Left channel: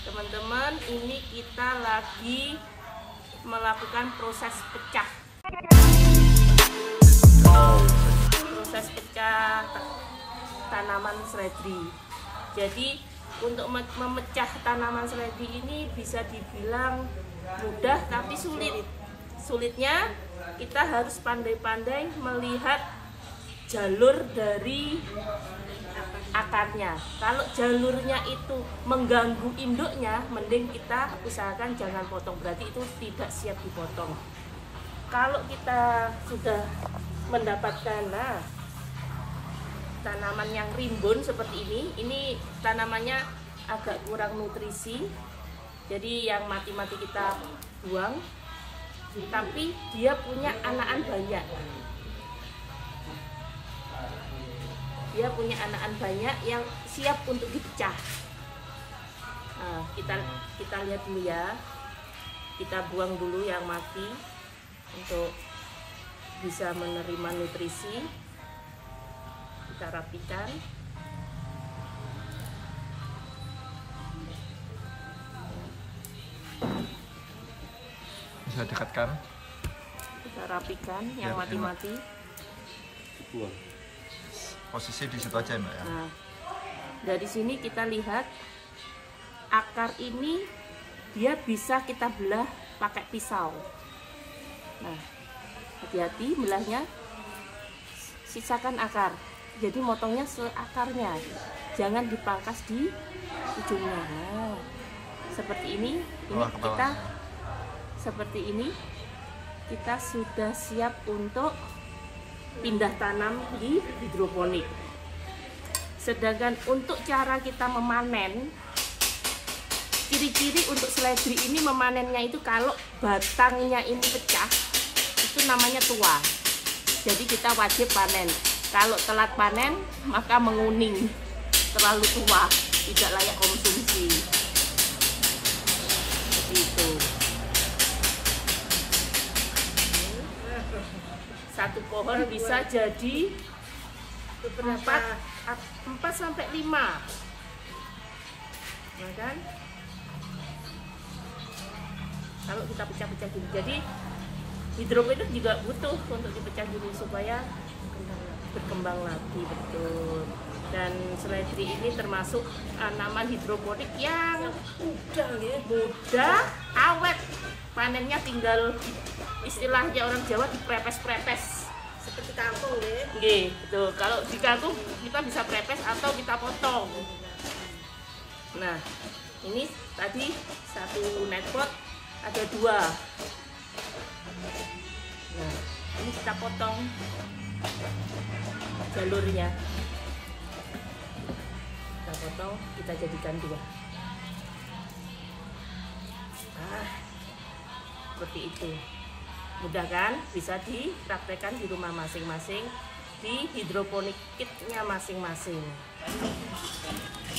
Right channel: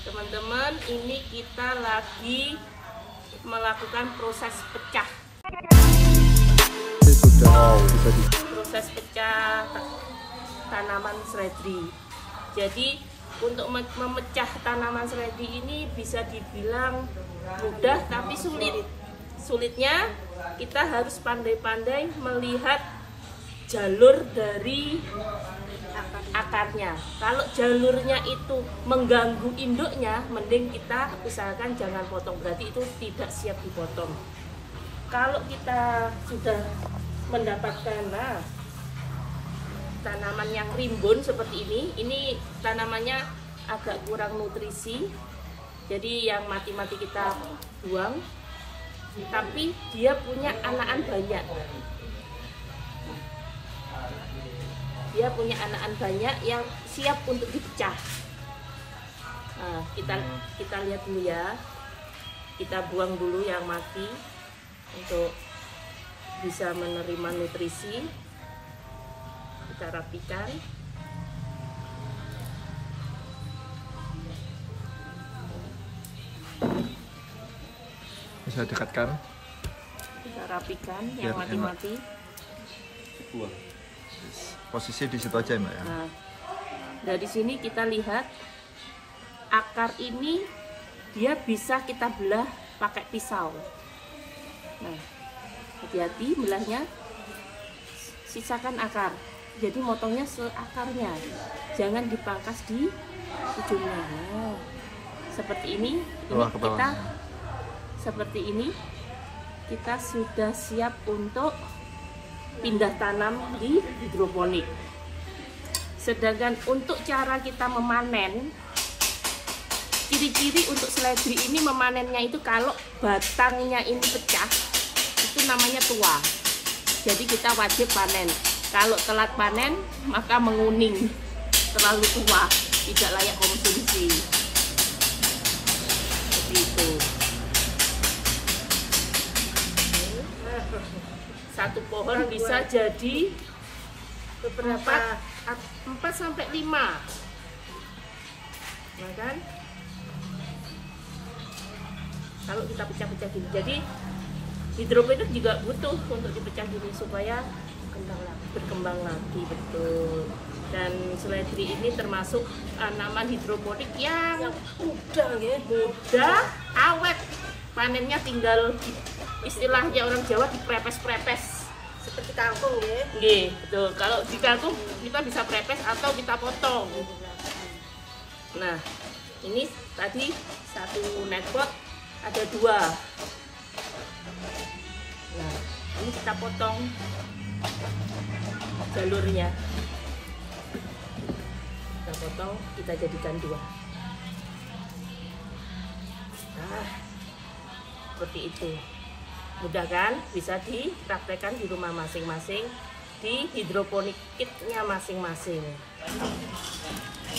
Teman-teman, ini kita lagi melakukan proses pecah. Proses pecah tanaman seledri. Jadi untuk memecah tanaman seledri ini bisa dibilang mudah tapi sulit. Sulitnya kita harus pandai-pandai melihat jalur dari akarnya. Kalau jalurnya itu mengganggu induknya, mending kita usahakan jangan potong, berarti itu tidak siap dipotong. Kalau kita sudah mendapatkan tanaman yang rimbun seperti ini tanamannya agak kurang nutrisi, jadi yang mati-mati kita buang, tapi dia punya anakan banyak. Dia punya anakan banyak yang siap untuk dipecah. Nah, kita lihat dulu ya. Kita buang dulu yang mati untuk bisa menerima nutrisi. Kita rapikan. Bisa dekatkan. Kita rapikan yang mati-mati. Posisi di situ aja, Mbak ya. Nah, dari sini kita lihat akar ini dia bisa kita belah pakai pisau. Nah, hati-hati belahnya, sisakan akar. Jadi motongnya seakarnya, jangan dipangkas di ujungnya. Nah, seperti ini kita sudah siap untuk pindah tanam di hidroponik. Sedangkan untuk cara kita memanen, ciri-ciri untuk seledri ini memanennya itu kalau batangnya ini pecah, itu namanya tua. Jadi kita wajib panen. Kalau telat panen, maka menguning, terlalu tua, tidak layak konsumsi. Seperti itu. Satu pohon bisa jadi beberapa 4 sampai 5. Nah kan? Kalau kita pecah-pecah gini. Jadi hidroponik juga butuh untuk dipecah gini supaya berkembang lagi, betul. Dan seledri ini termasuk tanaman hidroponik yang mudah, awet. Panennya tinggal, istilahnya orang Jawa, diprepes-prepes seperti kangkung ya. Nggih, betul. Kalau di kangkung kita bisa prepes atau kita potong. Nah, ini tadi satu netpot ada 2. Nah, ini kita potong jalurnya. Kita potong, kita jadikan 2. Nah, seperti itu. Mudah kan? Bisa dipraktekkan di rumah masing-masing, di hidroponik kitnya masing-masing.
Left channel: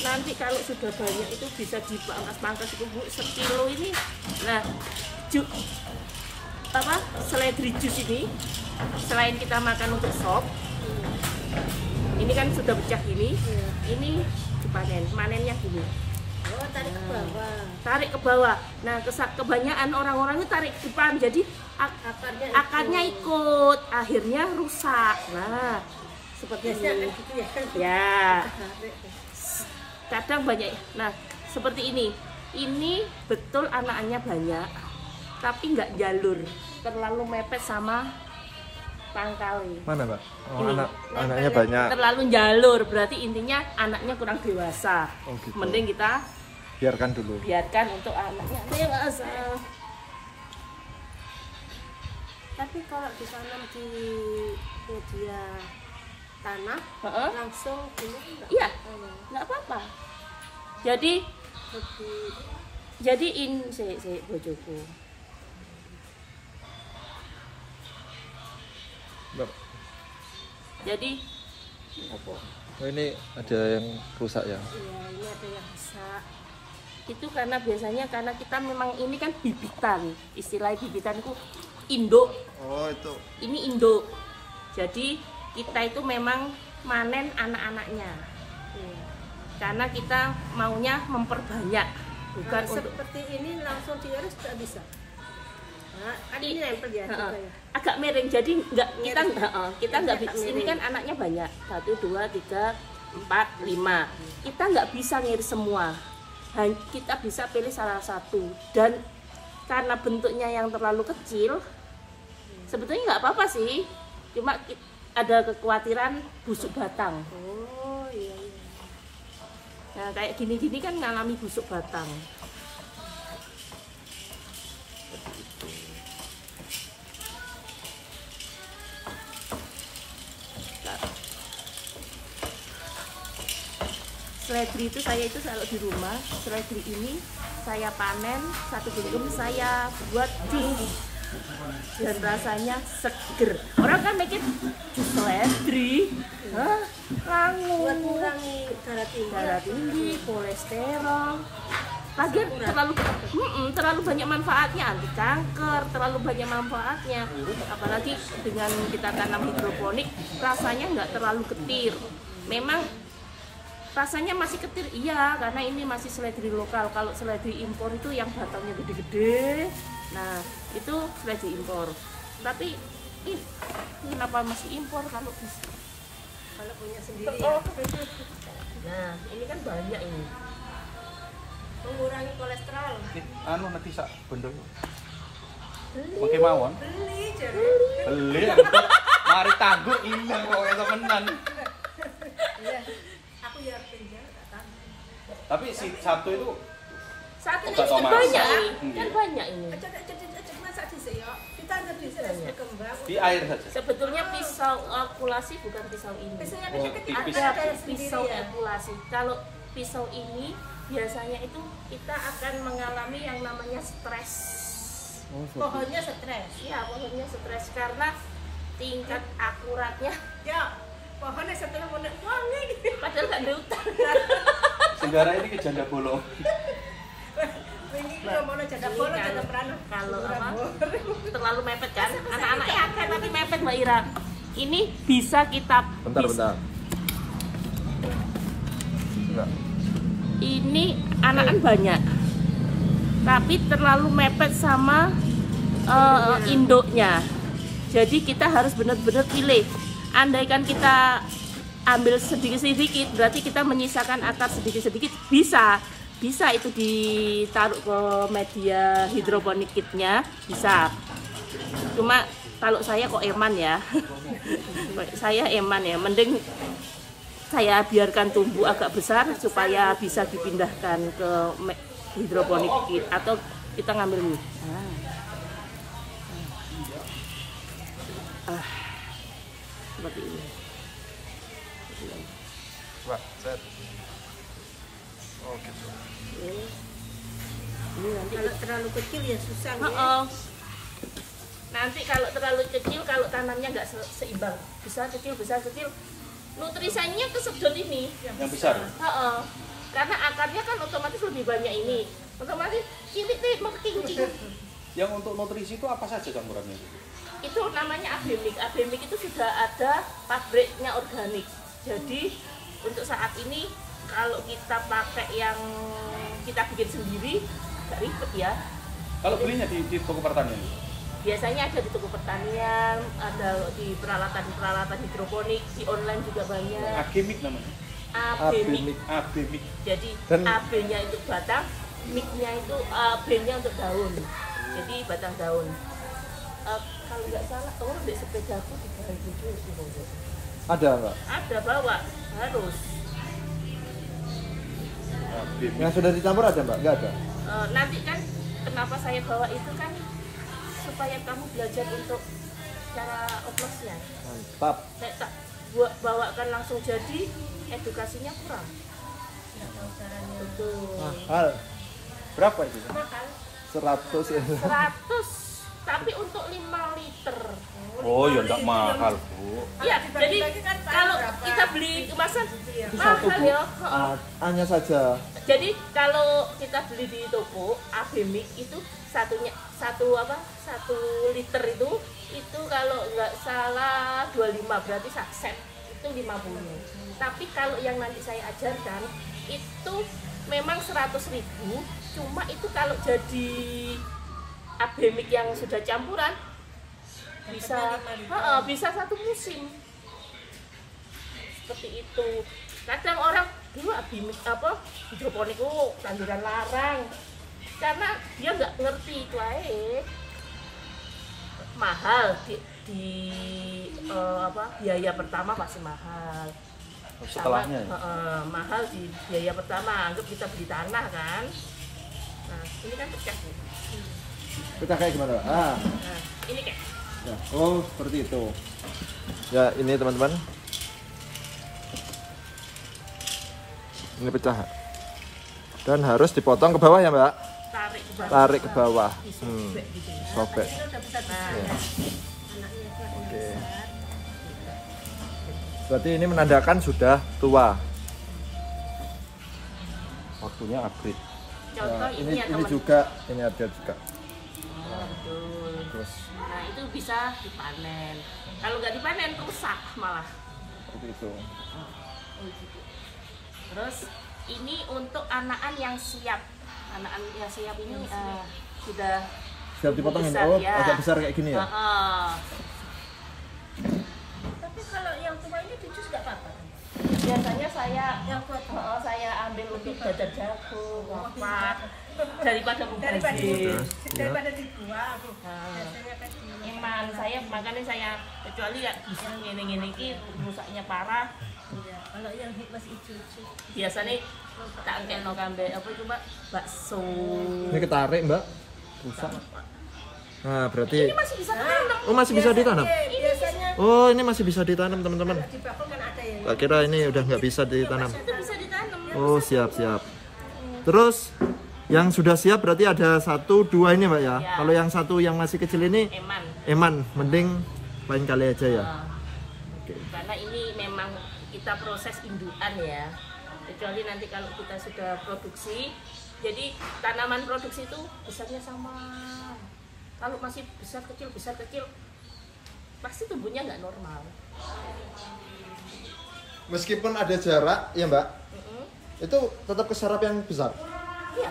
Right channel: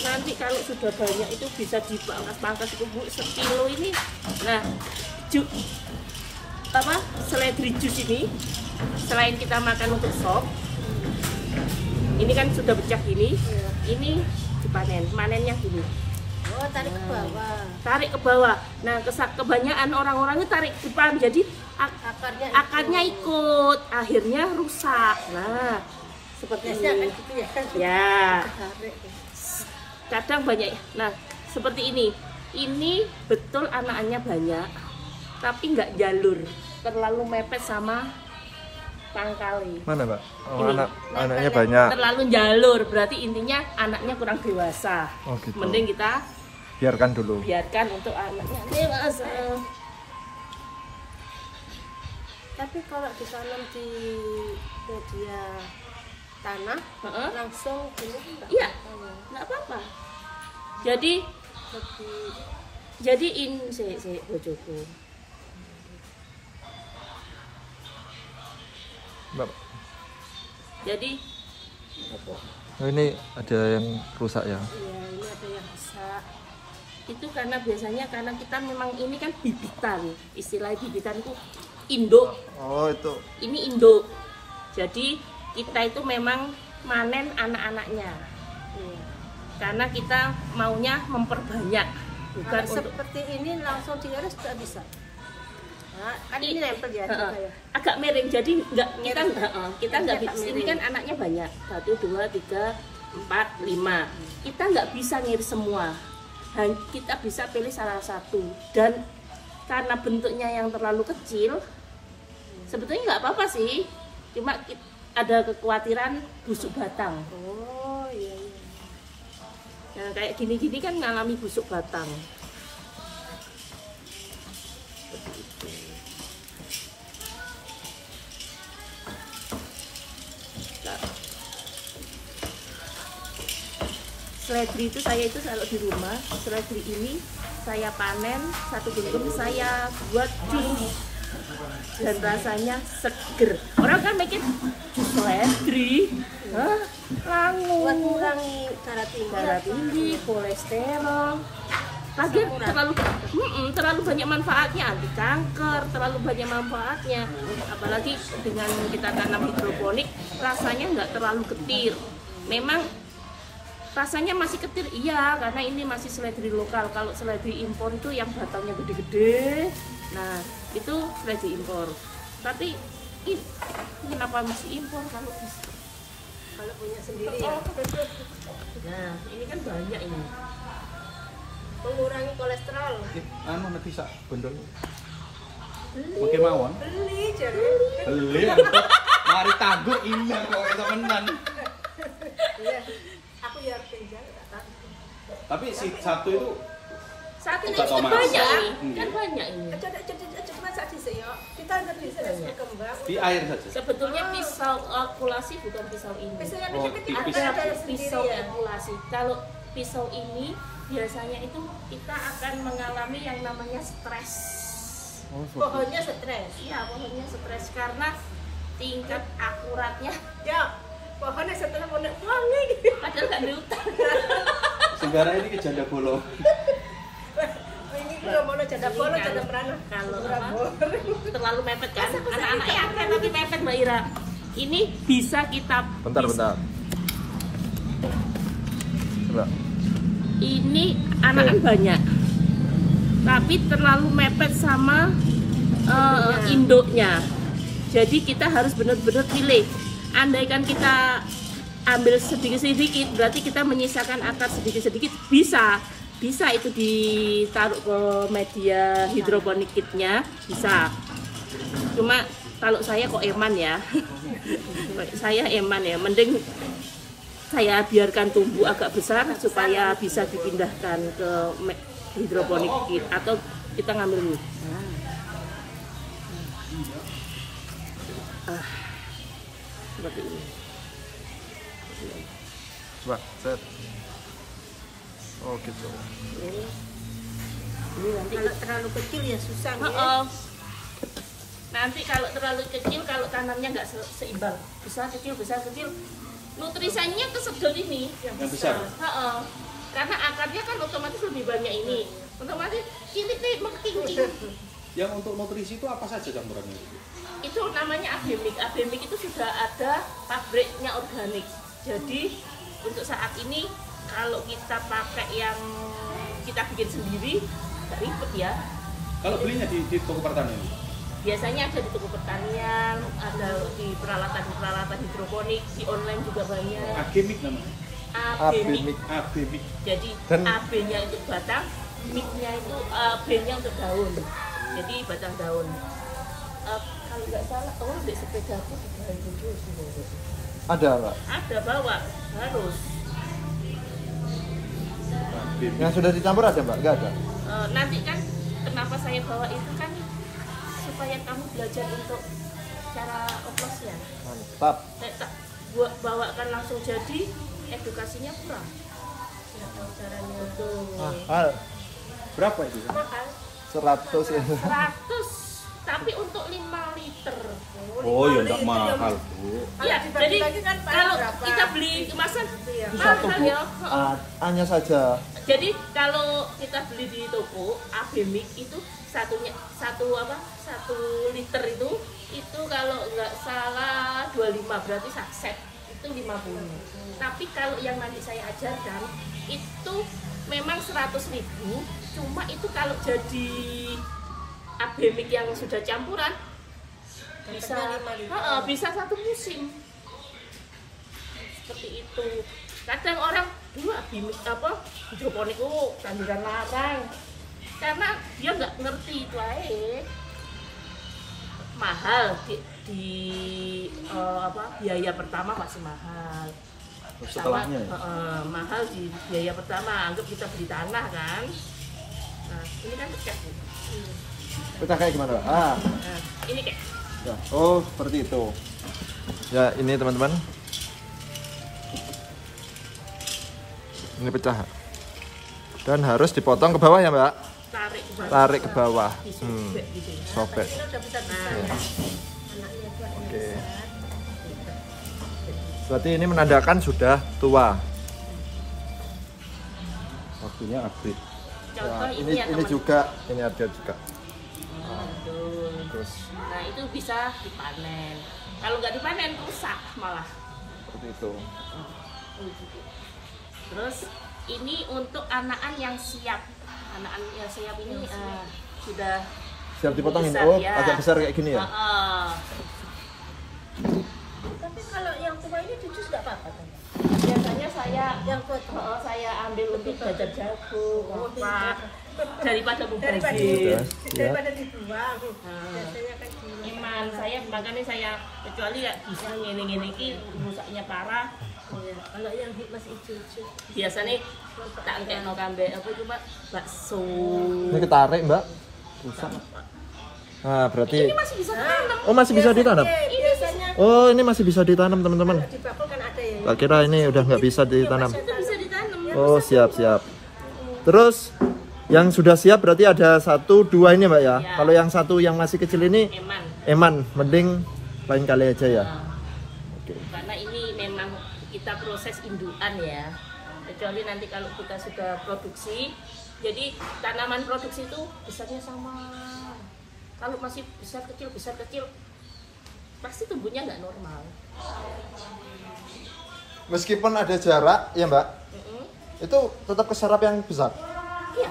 Nanti kalau sudah banyak itu bisa dipangkas-pangkas itu, Bu, 1 kilo ini. Nah, seledri jus ini selain kita makan untuk sop, ini kan sudah pecah gini, ini dipanen. Manennya gini. Oh, tarik ke bawah. Tarik ke bawah. Nah, kebanyakan orang-orang itu tarik ke depan, jadi akarnya ikut, akhirnya rusak. Nah, seperti ini. Ya. Kadang banyak. Nah, seperti ini. Ini betul anakannya banyak, tapi nggak jalur, terlalu mepet sama pangkali. Ini banyak. terlalu jalur, berarti intinya anaknya kurang dewasa. Gitu. Mending kita Biarkan dulu. biarkan untuk anaknya dewasa. Tapi kalau ditanam di media tanah, langsung gini enggak? Iya, nggak apa-apa. Jadi ini si bojoku. Jadi apa? Oh, ini ada yang rusak ya? Iya, ini ada yang rusak. Itu karena biasanya karena kita memang ini kan bibitan, istilah bibitan itu induk. Oh, itu. Ini induk. Jadi kita itu memang manen anak-anaknya. Karena kita maunya memperbanyak. bukan Kalau untuk seperti ini langsung diiris tidak bisa. Nah, kan ini nempel ya. Heeh. gitu ya. Agak miring, jadi nggak kita Miring. kita nggak Agak bisa. Ini miring. kan anaknya banyak, 1, 2, 3, 4, 5. Kita nggak bisa ngiris semua. Kita bisa pilih salah satu, dan karena bentuknya yang terlalu kecil, sebetulnya nggak apa-apa sih, cuma ada kekhawatiran busuk batang. Oh iya iya. Nah kayak gini-gini kan ngalami busuk batang. Seperti itu. Nah, seledri itu saya itu kalau di rumah, seledri ini saya panen, satu genggam saya buat jus dan rasanya seger. Orang kan mikir jus seledri, hah, langu, Mengurangi darah tinggi. kolesterol. Lagian terlalu banyak manfaatnya, anti kanker, terlalu banyak manfaatnya. Apalagi dengan kita tanam hidroponik, rasanya nggak terlalu getir. Memang rasanya masih ketir, iya, karena ini masih seledri lokal. Kalau seledri impor itu yang batangnya gede-gede, nah itu seledri impor. Tapi kenapa masih impor kalau bisa? Kalau punya sendiri ya. Nah ini kan banyak ini. Mengurangi kolesterol. Anu ngerti sak bondol. Oke mawon. Beli jadi. Beli. Mari tangguk iya kok temenan. Iya. Aku ya harus pinjam tak tahu. Tapi si satu itu Saat ini Obat kan Thomas. banyak ini, Hmm. kan banyak ini. Aja masak di sini ya. Kita ada di sini berkembang. di air saja. Sebetulnya pisau ekulasi bukan pisau ini. Pisaunya Oh, kecil-kecil tipis. ada sendiri Pisau ya. ekulasi. Kalau pisau ini biasanya itu kita akan mengalami yang namanya stres. Pohonnya stres. Iya, pohonnya stres karena tingkat akuratnya Ya, pohonnya setelah wangi. padahal nggak ada hutan. Segaranya ini ke janda bolong. Ini juga mau janda bolong, janda merana. Kalau terlalu mepet kan, anak-anaknya akan nanti mepet Mbak Ira. Ini bisa kita bisa. Coba. Ini anakan banyak, tapi terlalu mepet sama induknya. Jadi kita harus benar-benar pilih. Andaikan kita ambil sedikit-sedikit, berarti kita menyisakan akar sedikit-sedikit, bisa itu ditaruh ke media hidroponik kitnya, bisa. Cuma kalau saya kok eman ya, saya eman ya, mending saya biarkan tumbuh agak besar supaya bisa dipindahkan ke hidroponik kit atau kita ngambil ini. Seperti ini. Coba, set. Oh gitu. Ini nanti. Kalau terlalu kecil ya susah. Ya. Oh. Nanti kalau terlalu kecil, kalau tanamnya nggak seimbang, besar kecil, nutrisinya kesedot ini. Yang besar. Karena akarnya kan otomatis lebih banyak ini. Otomatis ini nih mengkincing. Yang untuk nutrisi itu apa saja campurannya? Itu namanya abemik. Abemik itu sudah ada pabriknya organik. Jadi untuk saat ini kalau kita pakai yang kita bikin sendiri agak ribet ya. Kalau belinya di toko pertanian? Biasanya ada di toko pertanian, ada di peralatan hidroponik, di online juga banyak. Agemik namanya. Abemik. Agemik. Jadi Dan- AB-nya itu batang, MIG-nya itu B-nya untuk daun. Jadi batang daun. Kalau nggak salah, di sepedaku juga itu. Ada nggak? Ada bawa, harus. Agemik. Yang sudah dicampur ada nggak? Nggak ada. Nanti kan kenapa saya bawa itu kan supaya kamu belajar untuk cara oplosnya. Pak, Saya tak bawakan langsung jadi, edukasinya kurang. Nggak tahu caranya. Betul. Berapa itu? Mahal. 100 ini. 100, tapi untuk 5 liter. Oh ya enggak mahal, Bu. Iya, jadi dibagi-bagi kan kalau berapa? kita beli kemasan Iya. mahal ya. Heeh. Hanya saja. Jadi kalau kita beli di toko Abemik itu satu liter itu kalau nggak salah 25, berarti set itu 50. Tapi kalau yang nanti saya ajarkan itu memang 100.000, cuma itu kalau jadi abemik yang sudah campuran bisa bisa 1 musim. Seperti itu. Kadang orang dulu abemik hidroponik tanduran larang. Karena dia nggak ngerti itu aja. Mahal biaya pertama masih mahal. Sama mahal di biaya pertama, anggap kita beli tanah kan. Nah, ini kan pecah. Kita kayak gimana? Nah, ini kayak. Ya. Oh, seperti itu. Ya, ini teman-teman. Ini pecah. Dan harus dipotong ke bawah ya, Mbak? Tarik ke bawah. Tarik ke bawah. Disobek gitu. Nah, kayak ini kan udah besar-besar ya. Anaknya itu ada yang besar. Berarti ini menandakan sudah tua. Waktunya upgrade. Contoh Ya, ini ya ini teman. juga, ini ada juga. Oh, betul. Terus Nah, itu bisa dipanen. Kalau nggak dipanen rusak malah. seperti itu. Terus ini untuk anakan yang siap. Anakan yang siap ini sudah Siap dipotongin. besar, Oh, ya. agak besar kayak gini ya. Tapi kalau yang tua ini dijus nggak apa-apa kan? Biasanya saya Yang tua saya ambil untuk jajan jagung, apa daripada daripada mubazir. daripada dibuang. Nah. Biasanya kan dibuang. Iman saya makanya saya kecuali ya bisa ngene-ngene iki rusaknya parah. Iya, kalau yang masih hijau-hijau. Biasanya tak engkekno kambe apa itu, Mbak? Bakso. Ini ketarik, Mbak. Rusak. Nah, berarti Ini masih bisa ditanam. oh masih bisa ditanam. Biasanya Oh, ini masih bisa ditanam, teman-teman. di bakul kan ada ya. Tak kira ini udah nggak bisa ditanam. Itu bisa ditanam. Oh, siap. Terus yang sudah siap berarti ada 1, 2 ini, Mbak ya. Ya. Kalau yang satu yang masih kecil ini Eman. mending lain kali aja ya. Nah, Oke. karena ini memang kita proses indukan ya. Kecuali nanti kalau kita sudah produksi, jadi tanaman produksi itu besarnya sama. Kalau masih besar kecil, pasti tumbuhnya nggak normal. Meskipun ada jarak ya, Mbak, Mm-mm. itu tetap keserap yang besar. Iya,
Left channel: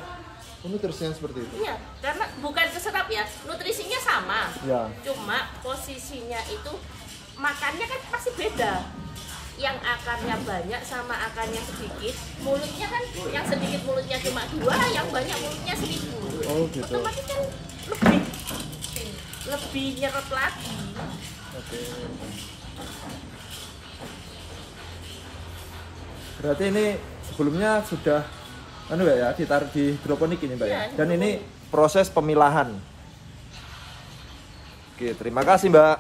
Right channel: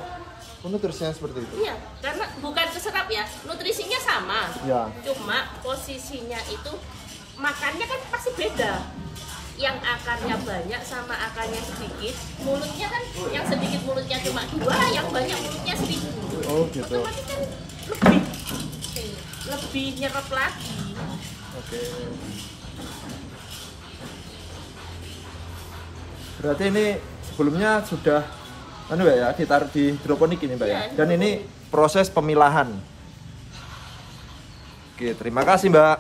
Nutrisinya seperti itu. iya, karena bukan keserap ya, nutrisinya sama. Ya. Cuma posisinya itu makannya kan pasti beda. Yang akarnya banyak sama akarnya sedikit, mulutnya kan yang sedikit mulutnya cuma 2, yang banyak mulutnya 1000. Oh, gitu. Otomatis kan lebih nyerap lagi. Berarti ini sebelumnya sudah ditaruh di hidroponik ini, Mbak ya. Iya, Dan ini Proses pemilahan. Oke, terima kasih, Mbak.